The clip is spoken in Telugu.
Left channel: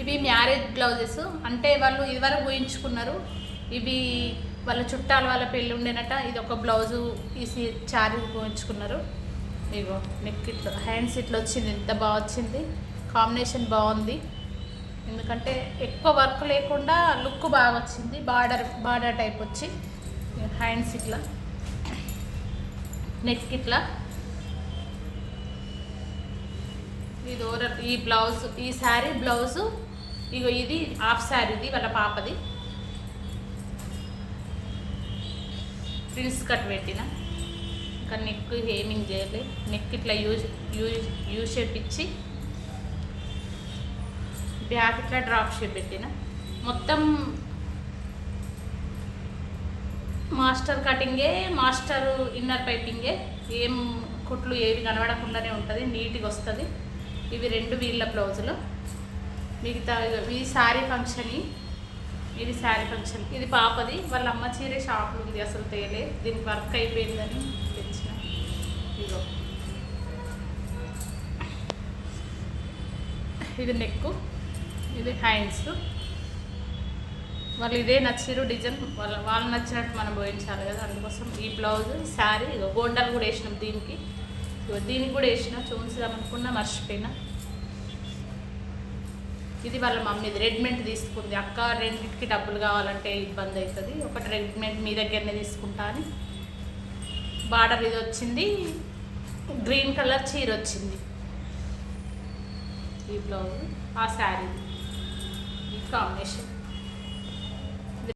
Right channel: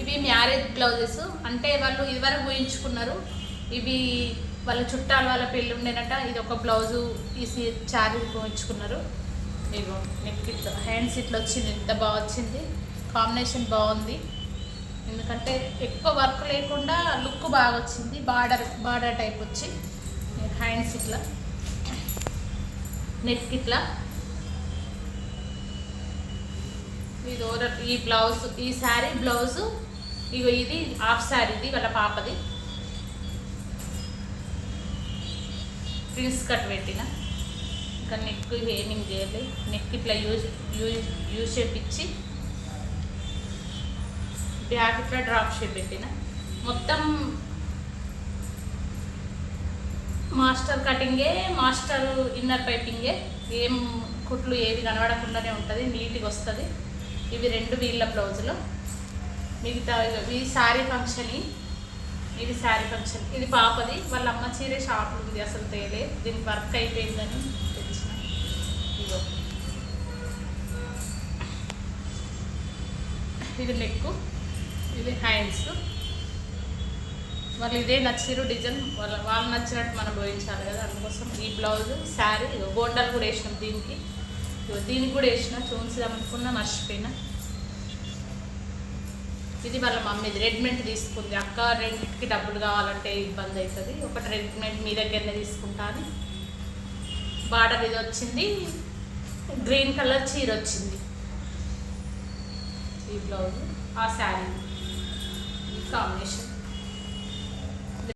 ఇవి మ్యారేజ్ బ్లౌజెస్, అంటే వాళ్ళు ఇదివరకు ఊహించుకున్నారు. ఇవి వాళ్ళ చుట్టాలు వాళ్ళ పెళ్ళి ఉండేనట. ఇది ఒక బ్లౌజు తీసి చారీ ఊహించుకున్నారు. ఇగో నెక్ ఇట్లా, హ్యాండ్స్ ఇట్లా వచ్చింది, ఎంత బాగా వచ్చింది, కాంబినేషన్ బాగుంది. ఎందుకంటే ఎక్కువ వర్క్ లేకుండా లుక్ బాగా వచ్చింది. బార్డర్ టైప్ వచ్చి హ్యాండ్స్ ఇట్లా, నెక్ ఇట్లా. ఇది ఈ బ్లౌజ్, ఈ శారీ బ్లౌజు. ఇగో ఇది హాఫ్ శారీది వాళ్ళ పాపది. ఫ్రిల్స్ కట్ పెట్టిన, ఇంకా నెక్ హేమింగ్ చేయాలి. నెక్ ఇట్లా యూ షేప్ ఇచ్చి బ్యాక్ ఇట్లా డ్రాప్ షేప్ పెట్టిన. మొత్తం మాస్టర్ కటింగే, మాస్టర్ ఇన్నర్ పైపింగే. ఏం కుట్లు ఏవి కనబడకుండానే ఉంటుంది, నీట్గా వస్తుంది. ఇవి 2 వీళ్ళ బ్లౌజులు. మిగతా ఈ శారీ ఫంక్షన్, ఇది శారీ ఫంక్షన్. ఇది పాపది, వాళ్ళ అమ్మ చీరే షాప్లో ఉంది, అసలు తేలే. దీనికి వర్క్ అయిపోయిందని తెలిసిన. ఇగో ఇది నెక్, ఇది హ్యాండ్స్. వాళ్ళు ఇదే నచ్చిరు డిజైన్, వాళ్ళు నచ్చినట్టు మనం పోయించాలి కదా, అందుకోసం ఈ బ్లౌజ్ శారీ. బోండాలు కూడా వేసినాం దీనికి కూడా వేసిన. చూసి అనుకున్నా మర్చిపోయినా. ఇది వాళ్ళ మమ్మీది, రెడీమేడ్ తీసుకుంది. అక్క రెండింటికి డబ్బులు కావాలంటే ఇబ్బంది అవుతుంది, ఒకటి రెడీమేడ్ మీ దగ్గరనే తీసుకుంటా అని. బార్డర్ ఇది వచ్చింది, గ్రీన్ కలర్ చీర వచ్చింది. ఈ బ్లౌజ్, ఆ శారీ, ఈ కాంబినేషన్.